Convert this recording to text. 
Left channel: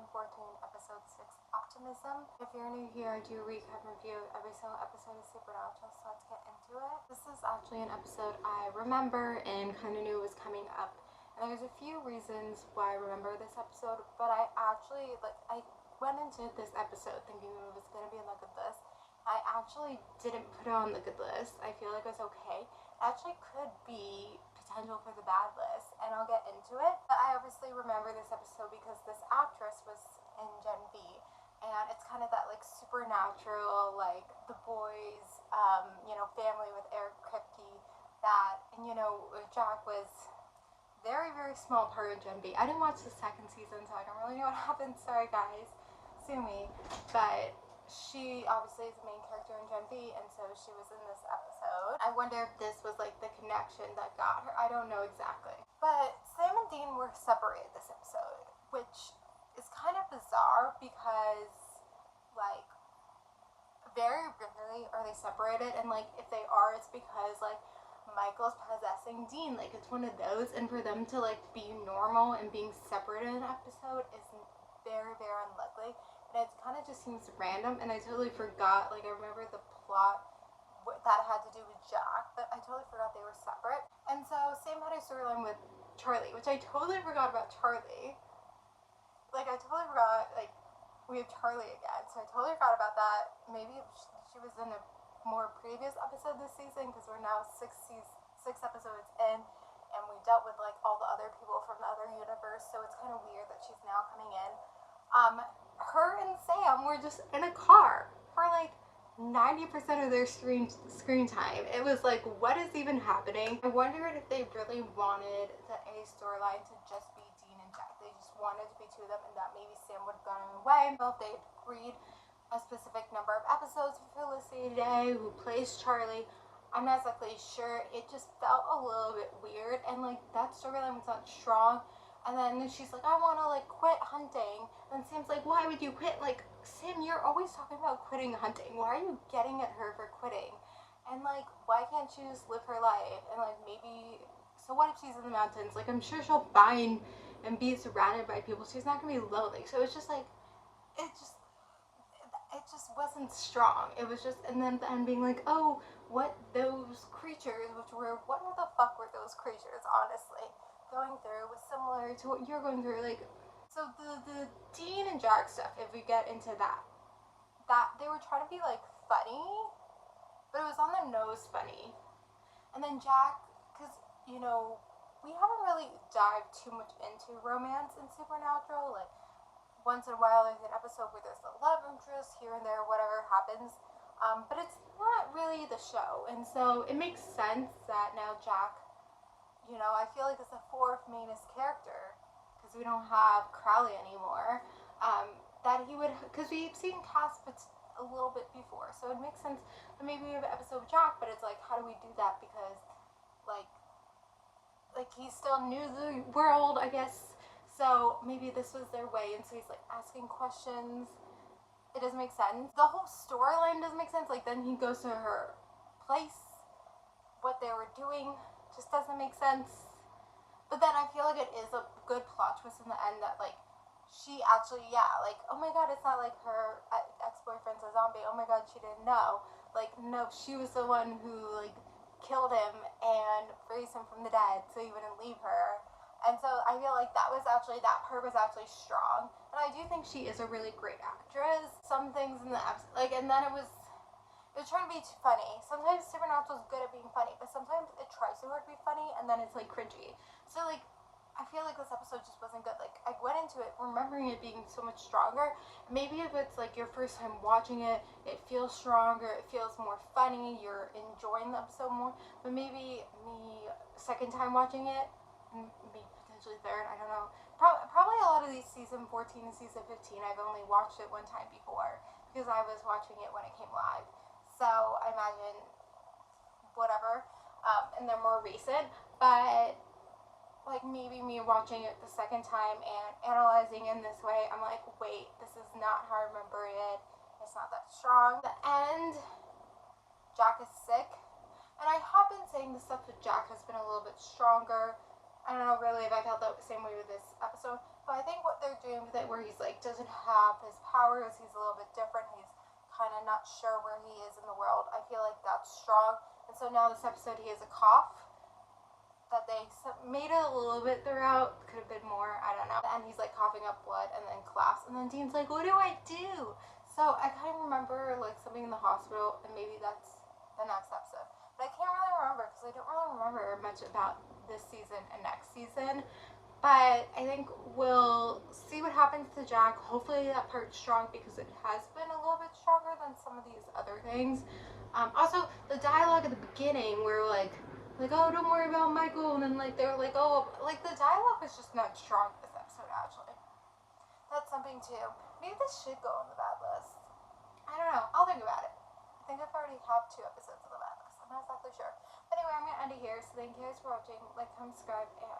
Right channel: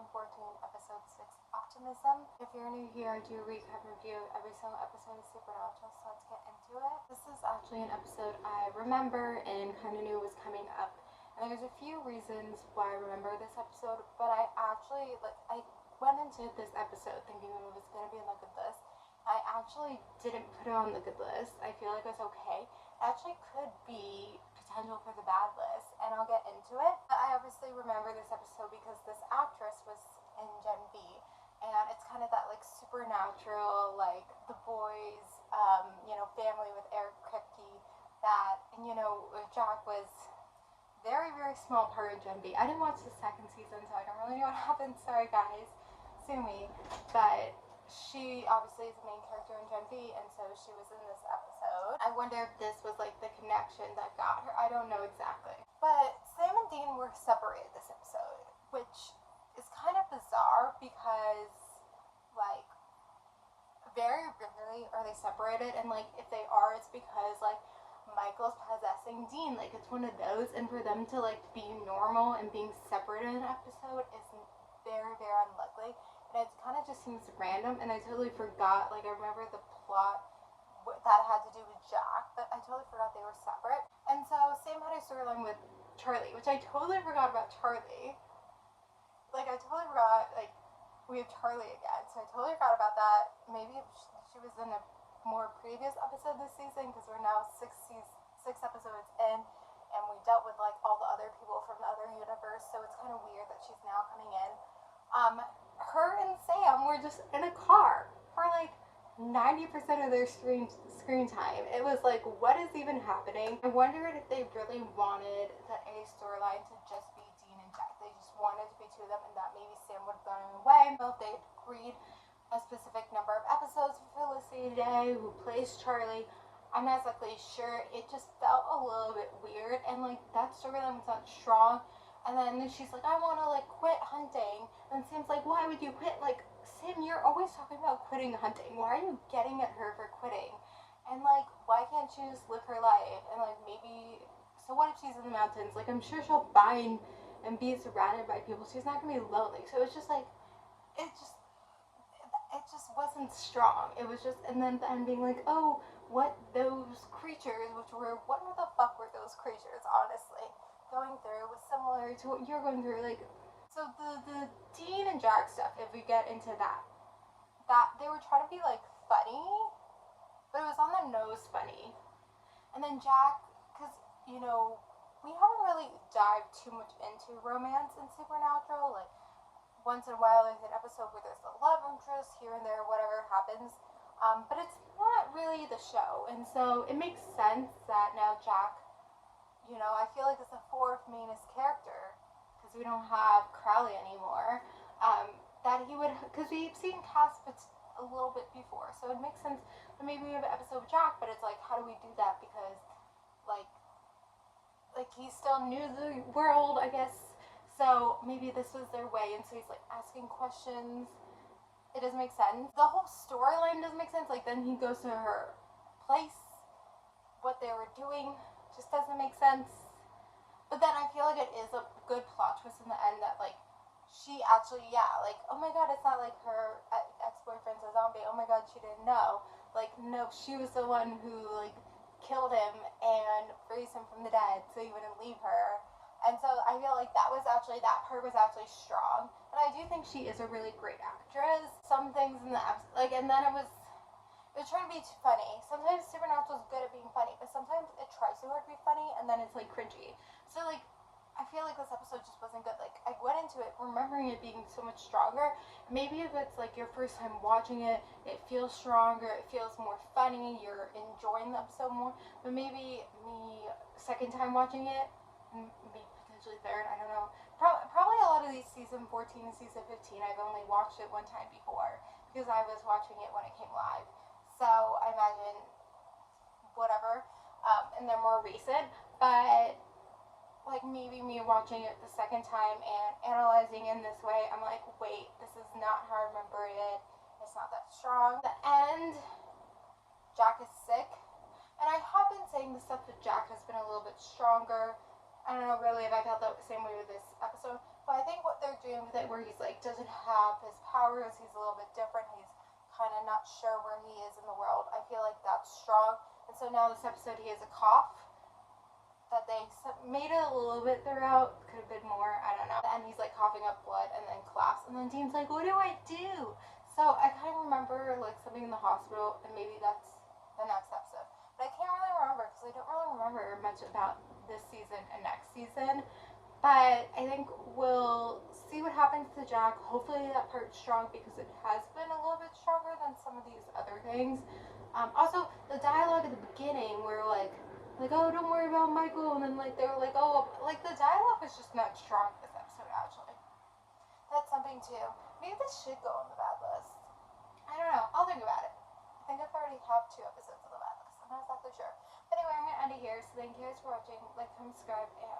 Season 14, Episode 6, Optimism. If you're new here, I do recap and review every single episode of Supernatural, so let's get into it. This is actually an episode I remember and kind of knew was coming up. And there's a few reasons why I remember this episode, but I went into this episode thinking it was going to be on the good list. I actually didn't put it on the good list. I feel like it's okay. It actually could be potential for the bad list, and I'll get into it. But I obviously remember this episode because this actress was in Gen V, and it's kind of that like supernatural, like the boys, family with Eric Kripke, that, and Jack was very, very small part of Gen V. I didn't watch the second season, so I don't really know what happened. Sorry guys, sue me. But she obviously is the main character in Gen V, and so she was in this episode. I wonder if this was like the connection that got her. I don't know exactly. But Sam and Dean were separated this episode, which is kind of bizarre because like very rarely are they separated, and like if they are, it's because like Michael's possessing Dean. Like it's one of those, and for them to like be normal and being separated in an episode is very, very unlikely. And it kind of just seems random, and I totally forgot, like I remember the plot that had to do with Jack, but I totally forgot they were separate. And so Sam had a storyline with Charlie, which I totally forgot about Charlie. Like I totally forgot, like we have Charlie again, so I totally forgot about that. Maybe she was in a more previous episode this season, because we're now six episodes in, and we dealt with like all the other people from the other universe, so it's kind of weird that she's now coming in. Her and Sam were just in a car for like 90% of their screen time. It was like, what is even happening? I wondered if they really wanted the A storyline to just be Dean and Jack. They just wanted to be two of them, and that maybe Sam would have gone away. Well, if they agreed a specific number of episodes for Felicity Day, who plays Charlie, I'm not exactly sure. It just felt a little bit weird, and like that storyline was not strong. And then she's like, I want to like quit hunting. And Sam's like, why would you quit? Like, Sam, you're always talking about quitting hunting. Why are you getting at her for quitting? And like, why can't she just live her life? And like, maybe, so what if she's in the mountains? Like, I'm sure she'll find and be surrounded by people. She's not going to be lonely. So it's just like, it just wasn't strong. It was just, and then being like, oh, what those creatures, what the fuck were those creatures, honestly? Going through was similar to what you're going through. Like, so the Dean and Jack stuff, if we get into that they were trying to be like funny, but it was on the nose funny. And then Jack, because we haven't really dived too much into romance in Supernatural. Like once in a while there's an episode where there's a love interest here and there, whatever happens, but it's not really the show. And so it makes sense that now Jack, I feel like it's the fourth mainest character, because we don't have Crowley anymore, that he would, because we've seen Cass a little bit before, so it makes sense that maybe we have an episode with Jack, but it's like, how do we do that? Because like he's still new to the world, I guess, so maybe this was their way, and so he's like asking questions. It doesn't make sense. The whole storyline doesn't make sense. Like then he goes to her place, what they were doing just doesn't make sense. But then I feel like it is a good plot twist in the end that like she actually, like, oh my god, it's not like her ex-boyfriend's a zombie, oh my god, she didn't know. Like, no, she was the one who like killed him and raised him from the dead so he wouldn't leave her. And so I feel like that part was actually strong. And I do think she is a really great actress. Some things in the episode, like, and then it was trying to be too funny. Sometimes Supernatural is good at being funny, but sometimes it tries so hard to be funny, and then it's like cringy. So like, I feel like this episode just wasn't good. Like, I went into it remembering it being so much stronger. Maybe if it's like your first time watching it, it feels stronger, it feels more funny, you're enjoying the episode more. But maybe me second time watching it, maybe potentially third, I don't know. Probably a lot of these season 14 and season 15, I've only watched it one time before, because I was watching it when it came live. So I imagine whatever, and they're more recent, but like maybe me watching it the second time and analyzing in this way, I'm like, wait, this is not how I remember it. It's not that strong. The end, Jack is sick, and I have been saying the stuff with Jack has been a little bit stronger. I don't know really if I felt felt the same way with this episode. But I think what they're doing with it, where he's like doesn't have his powers, he's a little bit different, he's kind of not sure where he is in the world. I feel like that's strong. And so now this episode, he has a cough that they made it a little bit throughout. Could have been more, I don't know. And he's like coughing up blood and then collapse. And then Dean's like, what do I do? So I kind of remember like something in the hospital, and maybe that's the next episode. But I can't really remember because I don't really remember much about this season and next season. But I think we'll see what happens to Jack. Hopefully that part's strong because it has been a little bit stronger than some of these other things. Also, the dialogue at the beginning where like, oh, don't worry about Michael, and then like they're like, oh, like the dialogue is just not strong this episode actually. That's something too. Maybe this should go on the bad list. I don't know. I'll think about it. I think I've already have 2 episodes of the bad list. I'm not exactly sure. Anyway, I'm gonna end it here. So thank you guys for watching. Like, comment, subscribe, and